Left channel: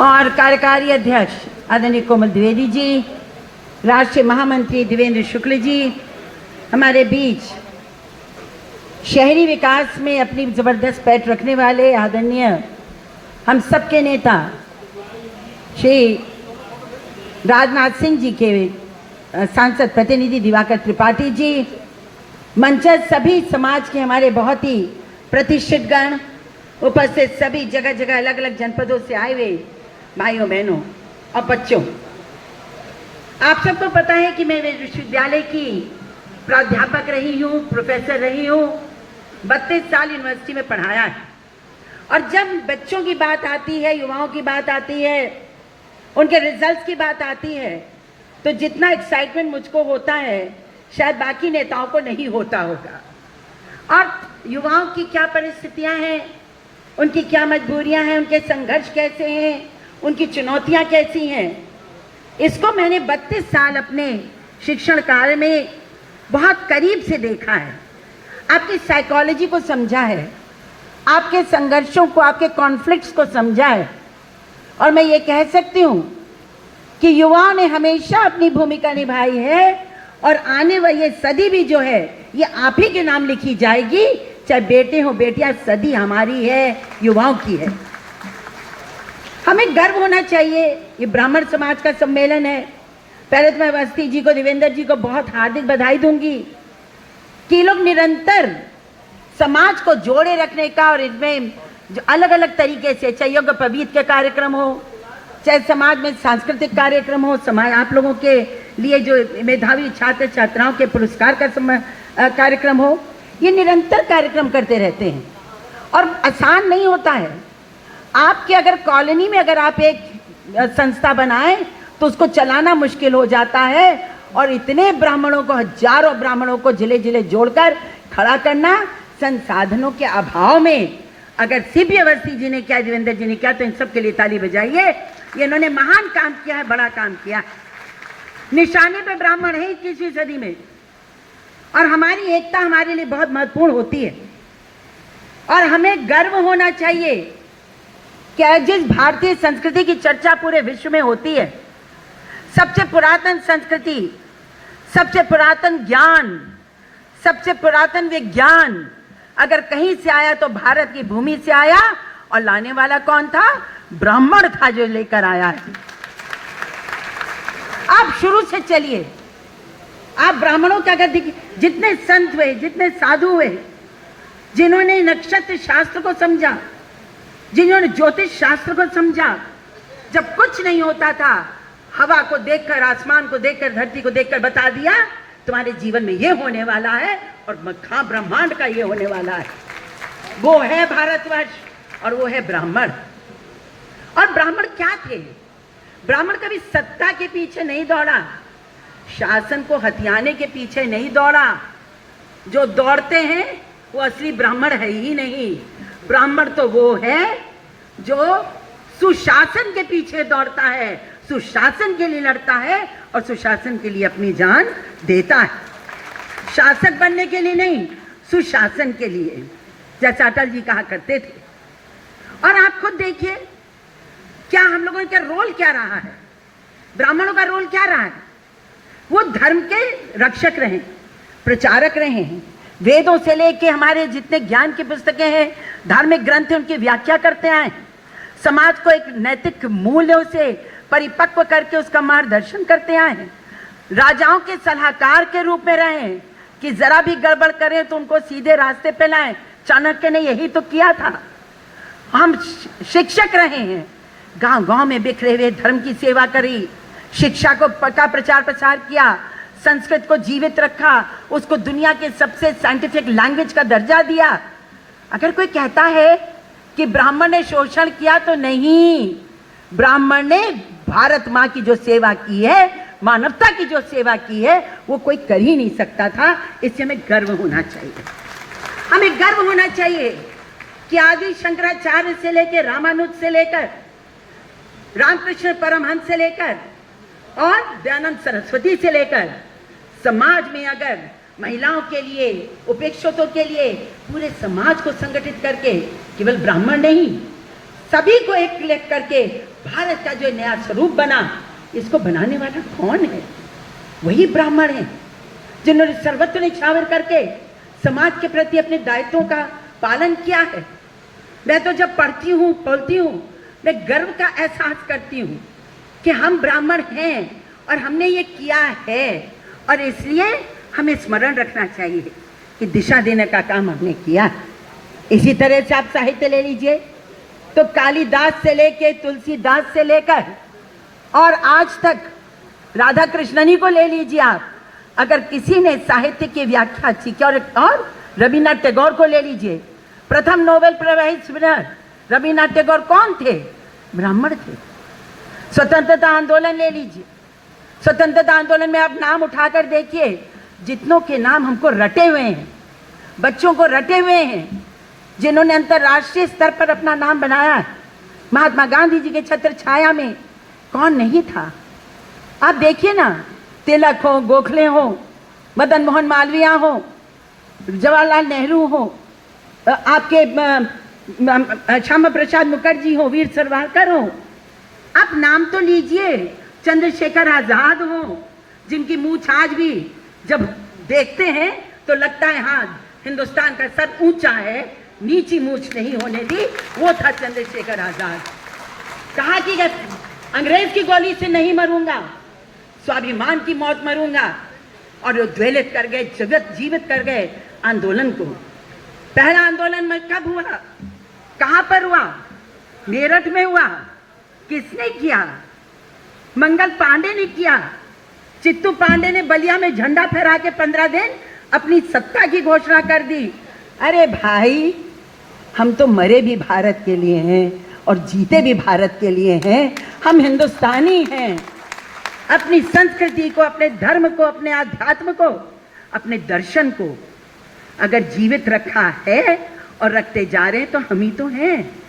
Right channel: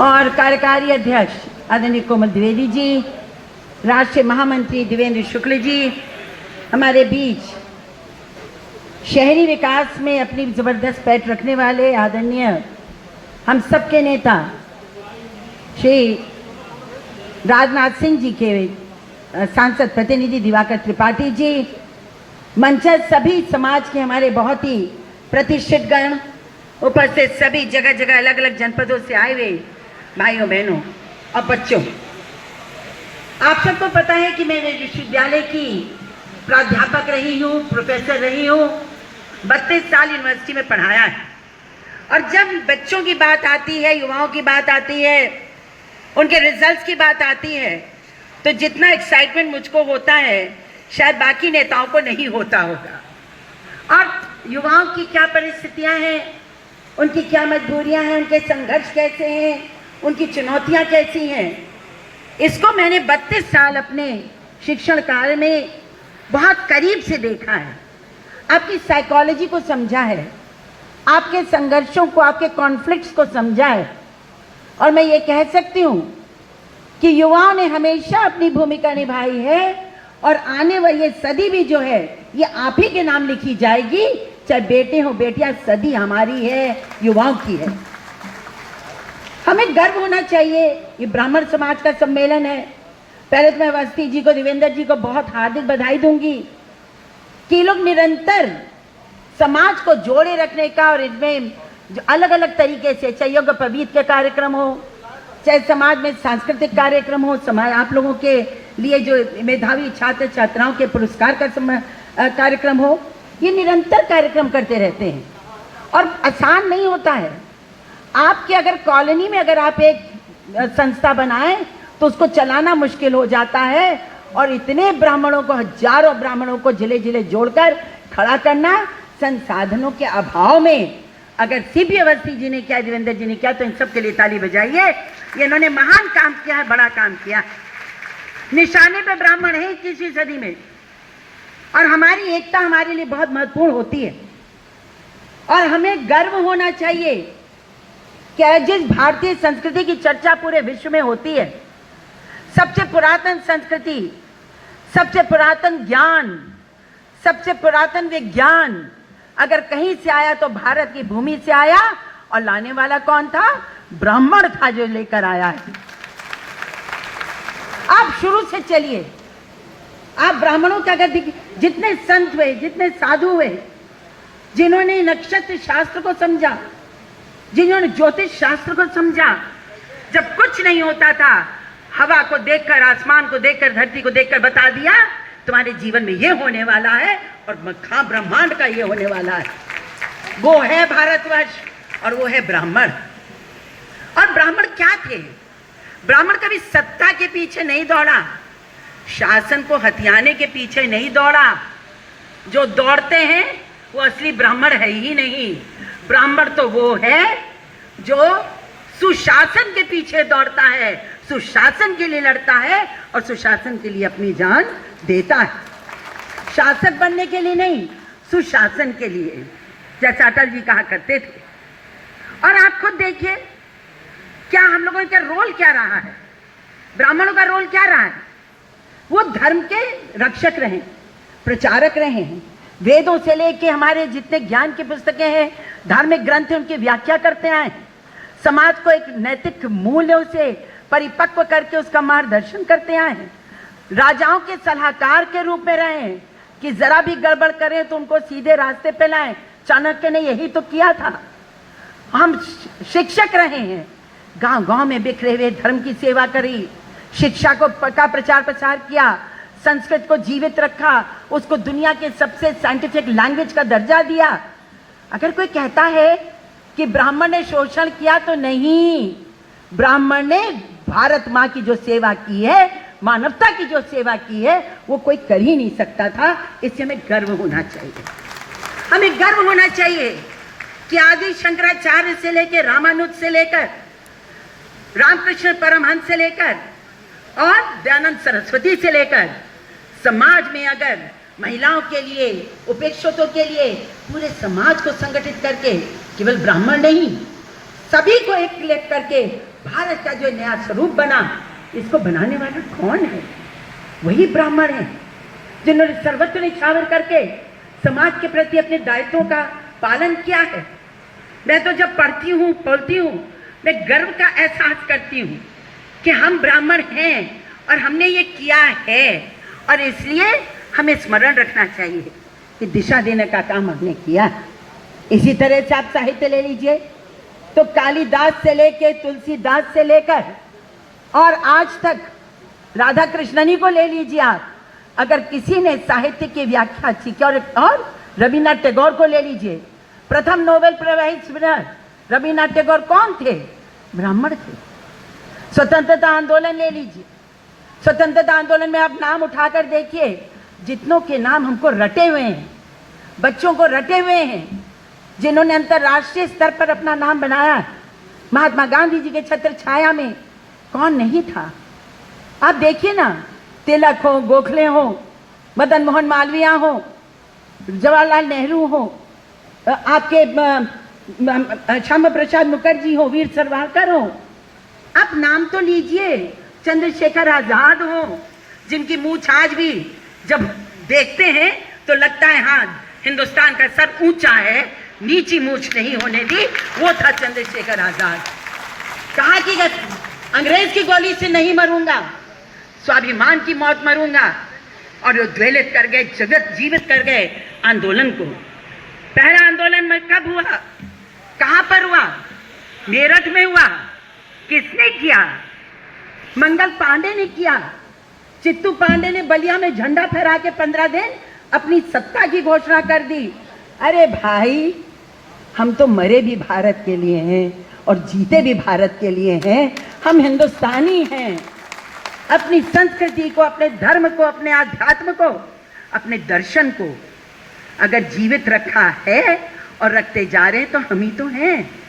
और कार्यकारी अध्यक्ष आदरणीय कोमल द्विवेदी जी, राष्ट्रीय महामंत्री देवेंद्र शुक्ल जी, हमारे बीच शहरी विकास में अपनी जबरदस्त पैठ रखने वाले आदरणीय हम सबके नेता श्री राजनाथ सिंह जी के सांसद प्रतिनिधि दिवाकर त्रिपाठी जी, मंचस्थ सभी समाज के हमारे बहुत ही प्रतिष्ठित गण, उपस्थित सभी जगह जगह अलग अलग जनपदों से आए हुए भाइयों बहनों और बच्चों, आप सबको पता है कि मैं विश्वविद्यालय की प्राध्यापक रही हूँ, प्रोफेसर रही हूँ, 32 साल यूनिवर्सिटी में पढ़ाया है। और जब बच्चों की बात आती है, युवाओं की बात आती है, उनके रिजल्ट्स की बात आती है, तो जितना एक्साइटमेंट मुझको होता है शायद बाकी नेताओं को नहीं होता होगा। और युवाओं की क्या परिस्थितियां हैं, उनकी क्या मजबूरियां हैं, उनके संघर्ष कैसे हैं, उनकी चुनौतियां कैसी हैं, इसको मैंने 32 साल अपने शिक्षण कार्य में बहुत करीब से देखा है। आपकी साइकोलॉजी को समझा है, आपके संघर्षों को, आपके कॉन्फ्लिक्ट्स को समझा है। और मैं ये कह सकती हूँ कि युवाओं ने हमेशा अपनी भूमिका निभाई है और आने वाली सदी भी जो है ये आप ही के नाम लिखी जाएगी, चाहे बेटे हो बेटियां, सदी हमारी है, युवाओं की है। हमें गर्व होना चाहिए। ये ब्राह्मण समाज का सम्मेलन है। पहले तो मैं अवस्थी जी को, देवेंद्र जी को बहुत हार्दिक बधाई दूंगी कि लोग निरंतर समाज को जोड़े रखने का और इसमें जो अलग अलग तरीके से, चाहे योग पवीत के कार्यक्रम हो, चाहे समाज में सांस्कृतिक कार्यक्रम हो, समाज आप लोगों के लिए जो मेधावी छात्र छात्राओं के पुरस्कार का कार्यक्रम हो, ये निरंतर कार्यक्रम करते रहते हैं और आसान नहीं होता है। आपके अगर कॉलोनी में अगर आप एक संस्था बनाएं तो उसको चलाना मुश्किल हो जाता है और इतने ब्राह्मणों को, हजारों ब्राह्मणों को जिले जिले जोड़कर खड़ा करना संसाधनों के अभाव में, अगर सीपी अवस्थी जी ने किया, देवेंद्र जी ने किया, तो इन सब के लिए ताली बजाइए। ये इन्होंने महान काम किया है, बड़ा काम किया। निशाने पे ब्राह्मण है 21वीं सदी में और हमारी एकता हमारे लिए बहुत महत्वपूर्ण होती है और हमें गर्व होना चाहिए कि जिस भारतीय संस्कृति की चर्चा पूरे विश्व में होती है, सबसे पुरातन संस्कृति, सबसे पुरातन ज्ञान, सबसे पुरातन विज्ञान अगर कहीं से आया तो भारत की भूमि से आया और लाने वाला कौन था? ब्राह्मण था जो लेकर आया है। आप शुरू से चलिए, आप ब्राह्मणों का अगर जितने संत हुए, जितने साधु हुए, जिन्होंने नक्षत्र शास्त्र को समझा, जिन्होंने ज्योतिष शास्त्र को समझा, जब कुछ नहीं होता था, हवा को देखकर, आसमान को देखकर, धरती को देखकर बता दिया तुम्हारे जीवन में ये होने वाला है और मखा ब्रह्मांड का ये होने वाला है। वो है भारतवर्ष और वो है ब्राह्मण। और ब्राह्मण क्या थे? ब्राह्मण कभी सत्ता के पीछे नहीं दौड़ा, शासन को हथियाने के पीछे नहीं दौड़ा। जो दौड़ते हैं वो असली ब्राह्मण है ही नहीं। ब्राह्मण तो वो है जो सुशासन के पीछे दौड़ता है, सुशासन के लिए लड़ता है और सुशासन के लिए अपनी जान देता है। शासक बनने के लिए नहीं, सुशासन के लिए, जैसा अटल जी कहा करते थे। और आप खुद देखिए क्या हम लोगों का रोल क्या रहा है, ब्राह्मणों का रोल क्या रहा है। वो धर्म के रक्षक रहे, प्रचारक रहे हैं। वेदों से लेके हमारे जितने ज्ञान की पुस्तकें हैं, धार्मिक ग्रंथ उनकी व्याख्या करते आए, समाज को एक नैतिक मूल्यों से परिपक्व करके उसका मार्गदर्शन करते आए हैं। राजाओं के सलाहकार के रूप में रहे कि जरा भी गड़बड़ करें तो उनको सीधे रास्ते पे लाएं। चाणक्य ने यही तो किया था। हम शिक्षक रहे हैं, गांव गांव में बिखरे हुए धर्म की सेवा करी, शिक्षा को का प्रचार प्रसार किया, संस्कृत को जीवित रखा, उसको दुनिया के सबसे साइंटिफिक लैंग्वेज का दर्जा दिया। अगर कोई कहता है कि ब्राह्मण ने शोषण किया, तो नहीं, ब्राह्मण ने भारत माँ की जो सेवा की है, मानवता की जो सेवा की है, वो कोई कर ही नहीं सकता था। इससे हमें गर्व होना चाहिए। हमें गर्व होना चाहिए कि आदि शंकराचार्य से लेकर, रामानुज से लेकर, रामकृष्ण परमहंस से लेकर और दयानंद सरस्वती से लेकर समाज में अगर महिलाओं के लिए, उपेक्षितों के लिए पूरे समाज को संगठित करके केवल ब्राह्मण नहीं, सभी को एक करके भारत का जो नया स्वरूप बना, इसको बनाने वाला कौन है? वही ब्राह्मण है, जिन्होंने सर्वत्र निछावर करके समाज के प्रति अपने दायित्वों का पालन किया है। मैं तो जब पढ़ती हूँ, बोलती हूँ, मैं गर्व का एहसास करती हूँ कि हम ब्राह्मण हैं और हमने ये किया है, और इसलिए हमें स्मरण रखना चाहिए कि दिशा देने का काम हमने किया। इसी तरह से आप साहित्य ले लीजिए तो कालिदास से लेके तुलसीदास से लेकर और आज तक राधा कृष्णनी को ले लीजिए आप, अगर किसी ने साहित्य की व्याख्या की, और रविन्द्रनाथ टैगोर को ले लीजिए, प्रथम Nobel prize winner Rabindranath Tagore कौन थे? ब्राह्मण थे। स्वतंत्रता आंदोलन ले लीजिए, स्वतंत्रता आंदोलन में आप नाम उठाकर देखिए, जितनों के नाम हमको रटे हुए हैं, बच्चों को रटे हुए हैं, जिन्होंने अंतर्राष्ट्रीय स्तर पर अपना नाम बनाया। महात्मा गांधी जी के छत्र छाया में कौन नहीं था? आप देखिए ना, तिलक हो, गोखले हो, मदन मोहन मालवीय हो, जवाहरलाल नेहरू हो, आपके श्यामा प्रसाद मुखर्जी हो, वीर सावरकर हो, आप नाम तो लीजिए। चंद्रशेखर आजाद हो, जिनकी मूछ आज भी जब देखते हैं तो लगता है हाँ, हिंदुस्तान का सर ऊंचा है, नीची मूछ नहीं होने दी, वो था चंद्रशेखर आजाद। कहा कि अंग्रेज की गोली से नहीं मरूंगा, स्वाभिमान की मौत मरूंगा, और वो ज्वलित कर गए, जगत जीवित कर गए आंदोलन को। पहला आंदोलन में कब हुआ? कहां पर हुआ? मेरठ में हुआ। किसने किया? मंगल पांडे ने किया। चित्तू पांडे ने बलिया में झंडा फहरा के 15 दिन अपनी सत्ता की घोषणा कर दी। अरे भाई, हम तो मरे भी भारत के लिए हैं और जीते भी भारत के लिए हैं। हम हिंदुस्तानी हैं। अपनी संस्कृति को, अपने धर्म को, अपने आध्यात्म को, अपने दर्शन को अगर जीवित रखा है और रखते जा रहे हैं तो हम ही तो हैं।